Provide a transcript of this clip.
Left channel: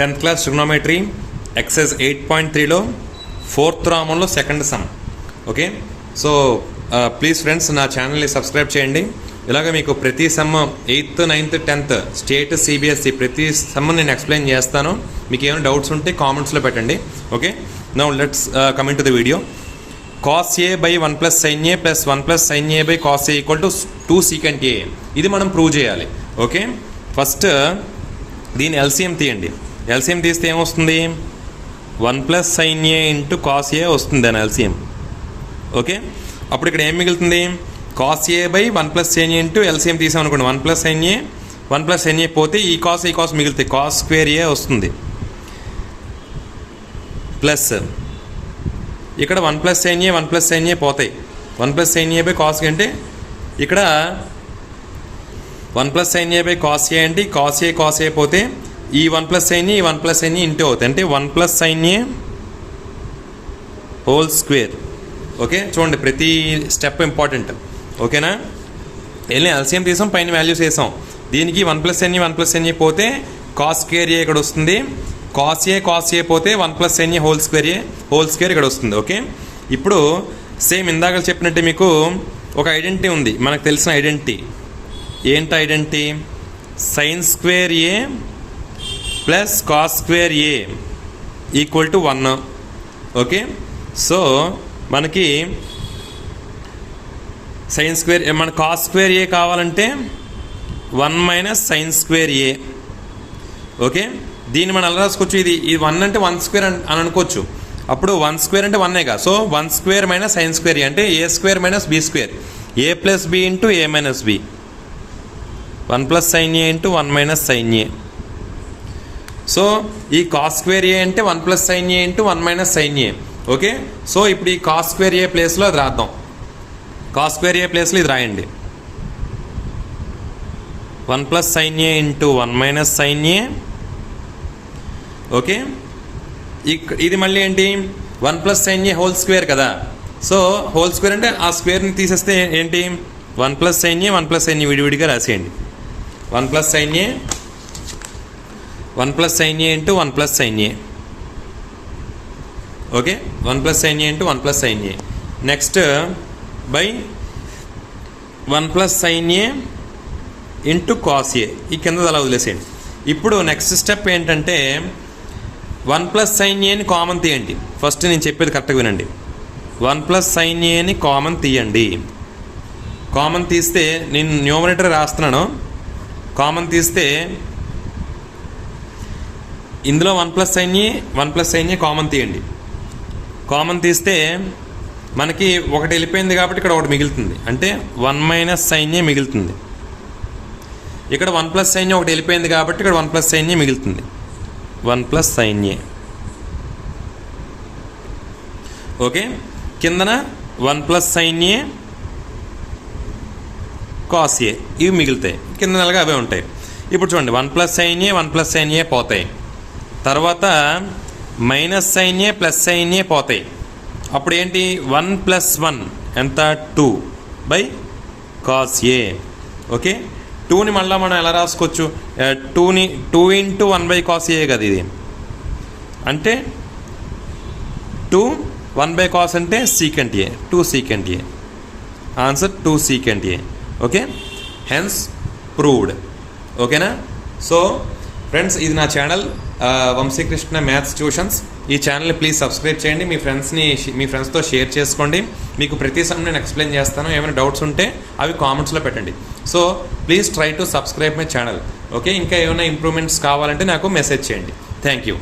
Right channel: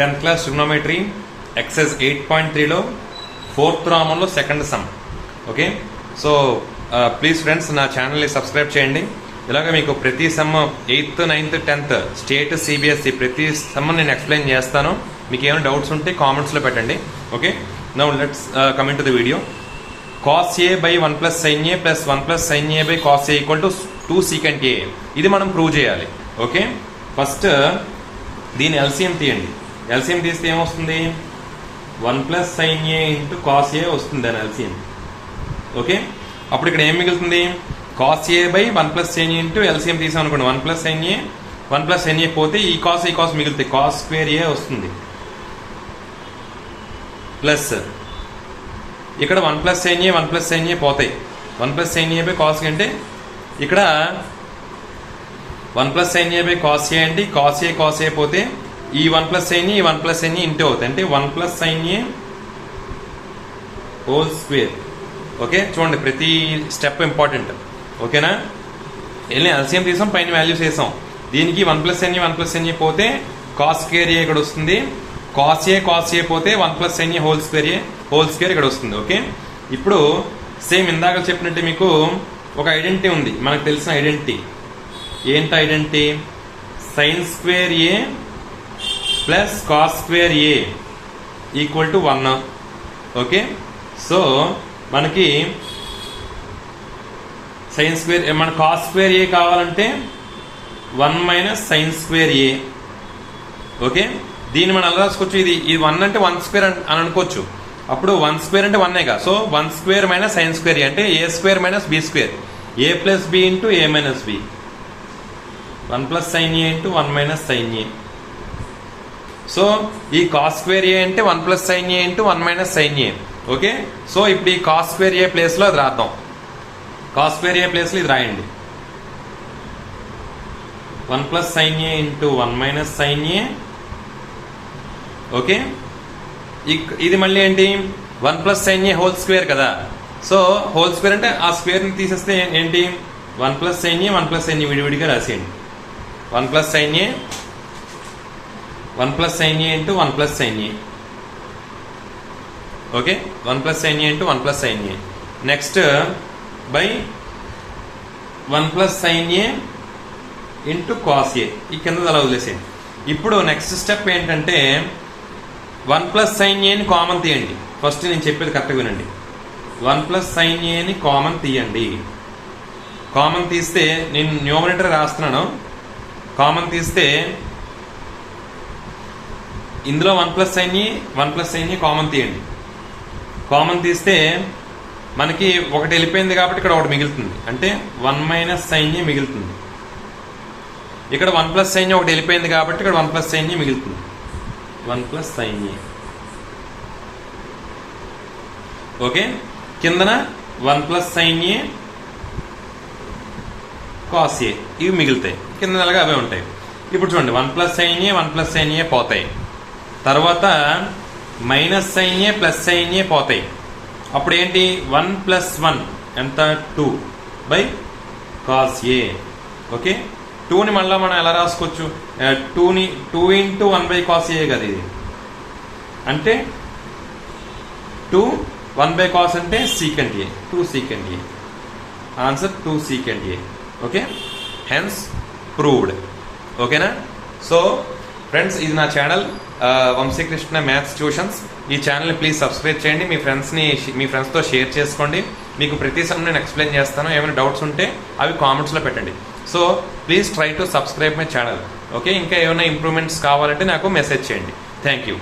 10th class trigonometry exercise 8.3లో 4th రామంలో second sum. Okay, so please friends నా ఛానల్ని సబ్స్క్రైబ్ చేయండి. ఇలాగ మీకు ప్రతి sum 8th, 9th, 10th state, CBSE ప్రతి సమ్ నేను ఎక్స్ప్లెయిన్ చేస్తాను. మీకు ఏమైనా డౌట్స్ ఉంటే కామెంట్స్లో పెట్టండి. Okay, now let's coming to the video. cos a by 1 plus sin a plus 1 plus sin a by cos a equal to 2 secant a. ఇది మనం ప్రూవ్ చేయాలి. ఓకే, ఫస్ట్ దీని ఎల్సిఎం తీయండి. ఎల్సిఎం తీస్తే ఏమొస్తుంది? 1 plus sin a into cos a వస్తుంది దాని LCM. Okay, అప్పుడు ఇక్కడ ఏం మిగులుతుంది? cos a by 1 plus sin a into LCM తీసాం అనుకోండి. 1 plus sin a 1 plus sin a పోతే ఈ కాస్ మిగులుతాయి. cos square a వస్తుంది ప్లస్ ఇక్కడ 1 plus sin a 1 plus sin a పోతాయి. 1 plus sin a by cos a అంటే ఇక్కడ 1 plus sin a by cos a అంటే cos a పోతే ఈ 1 plus sin a 1 plus sin a into అవుతాయి. అంటే 1 plus sin a whole square. Okay, చూడండి ప్రతి స్టెప్ ఇంపార్టెంట్. ఓకేనా, వెళ్ళి ఎల్సిఎం తీసాం, పైన వాల్యూస్ వేసాం. దీనికి 1 plus sin a 1 plus sin a పోతే cos square a ఇక్కడ వస్తుంది. cos a పోతే 1 plus sin a whole square ఇక్కడ వస్తుంది. ఓకే, ఇప్పుడు సేమ్ ఇందాక చెప్పినట్టు మీకు ఒక ఐడెంటిటీ ఉంది, మనకు తెలిసిన ఐడెంటిటీ. ఏంటి identity? sin square a plus cos square a equal to 1. Okay, so మనకి sin square మన cos square a కావాలంటే 1 minus sin square a. Okay, దీన్ని మనం ఎలా రాసుకోవచ్చు? ఇది 1 అంటే 1 స్క్వేర్ అని అనుకోవచ్చు. అప్పుడు 1 స్క్వేర్ అంటే 1ఏగా. So 1 square minus sine square A అంటే A square minus B square. A plus B into A minus B. 1 plus sine A into 1 minus sine A. So ఈ కాస్ స్క్వేర్ ఏ అంటే 1 plus sine A into 1 minus sine A. Okay, so ఇప్పుడు ఈ cos square ఏ ప్లేస్లో అది రాద్దాం. Cos square ఏ ప్లేస్లో ఇది రాయండి. 1 plus sine A into 1 minus sine A. Okay, ఇది మళ్ళీ ఏంటి? 1 ప్లస్ సైన్ ఏ హోల్ స్క్వేర్ కదా. సో హోల్ స్క్వేర్ అంటే ఆ స్క్వేర్ని తీసేస్తే ఏంటి? 1 ప్లస్ సైన్ ఏ 1 ప్లస్ సైన్ ఏ విడివిడిగా రాసేయండి. 1 plus sine A 1 plus sine A into 1 plus sine A. Okay, 1 plus sine A into 1 plus sine A. Next by 1 plus sine A into cos A. ఈ కింద అలా వదిలేసేయండి. ఇప్పుడు నెక్స్ట్ స్టెప్ ఏంటంటే 1 plus sign ఏని common తీయండి. First నేను చెప్పేది కరెక్ట్గా వినండి. 1 ప్లస్ సైన్ ఏని కామన్ తీయండి. కామన్ తీస్తే నేను న్యూమరేటర్ రాస్తున్నాను. కామన్ తీస్తే ఇందులో 1 ప్లస్ సైన్ ఏ కామన్ తీయండి. కామన్ తీస్తే మనకి ఒకటి వెళ్ళిపోయింది కాబట్టి ఇక్కడ ఒకటి మిగులుతుంది. అంటే 1 మైనస్ సైన్ ఏ మిగులుతుంది. ఇక్కడ 1 ప్లస్ సైన్ ఏ ఒకటి వెళ్ళిపోయింది కాబట్టి ఇక్కడ 1 ప్లస్ సైన్ ఏ మిగులుతుంది. 1 ప్లస్ సైన్ ఏ. ఓకే, కిందన 1 plus sine A cos A ఇవి మిగులుతాయి. కింద నెలగా అవే ఉంటాయి. ఇప్పుడు చూడండి 1 ప్లస్ సైన్ ఏ 1 ప్లస్ సైన్ ఏ పోతాయి. తర్వాత మైనస్ సైన్ ఏ ప్లస్ సైన్ ఏ పోతాయి. అప్పుడు ఏంటి? 1 ప్లస్ 1 ఎంత? 2 బై కాస్ ఏ. ఓకే, 2ని మళ్ళీ మనం ఎలా రాసుకోవచ్చు? 2 ఇంటూ 1 బై కాస్ ఏ కదా ఇది. అంటే 2 1 బై కాస్ అంటే secant A. 2 secant A. Answer 2 secant A. Okay, hence proved. ఓకేనా? సో ఫ్రెండ్స్, ఇది నా ఛానల్ వంశీకృష్ణ మ్యాథ్స్ ట్యూషన్స్. ఈ ఛానల్ని ప్లీజ్ సబ్స్క్రైబ్ చేయండి. మీ ఫ్రెండ్స్తో షేర్ చేసుకోండి. మీకు ప్రతి సమ్ నేను ఎక్స్ప్లెయిన్ చేస్తాను. ఏమైనా డౌట్స్ ఉంటే అవి కామెంట్స్లో పెట్టండి. So please try to subscribe my channel. Okay, ఇంకా ఏమైనా ఇంప్రూవ్మెంట్స్ కావాలంటే నాకు మెసేజ్ చేయండి. Thank you.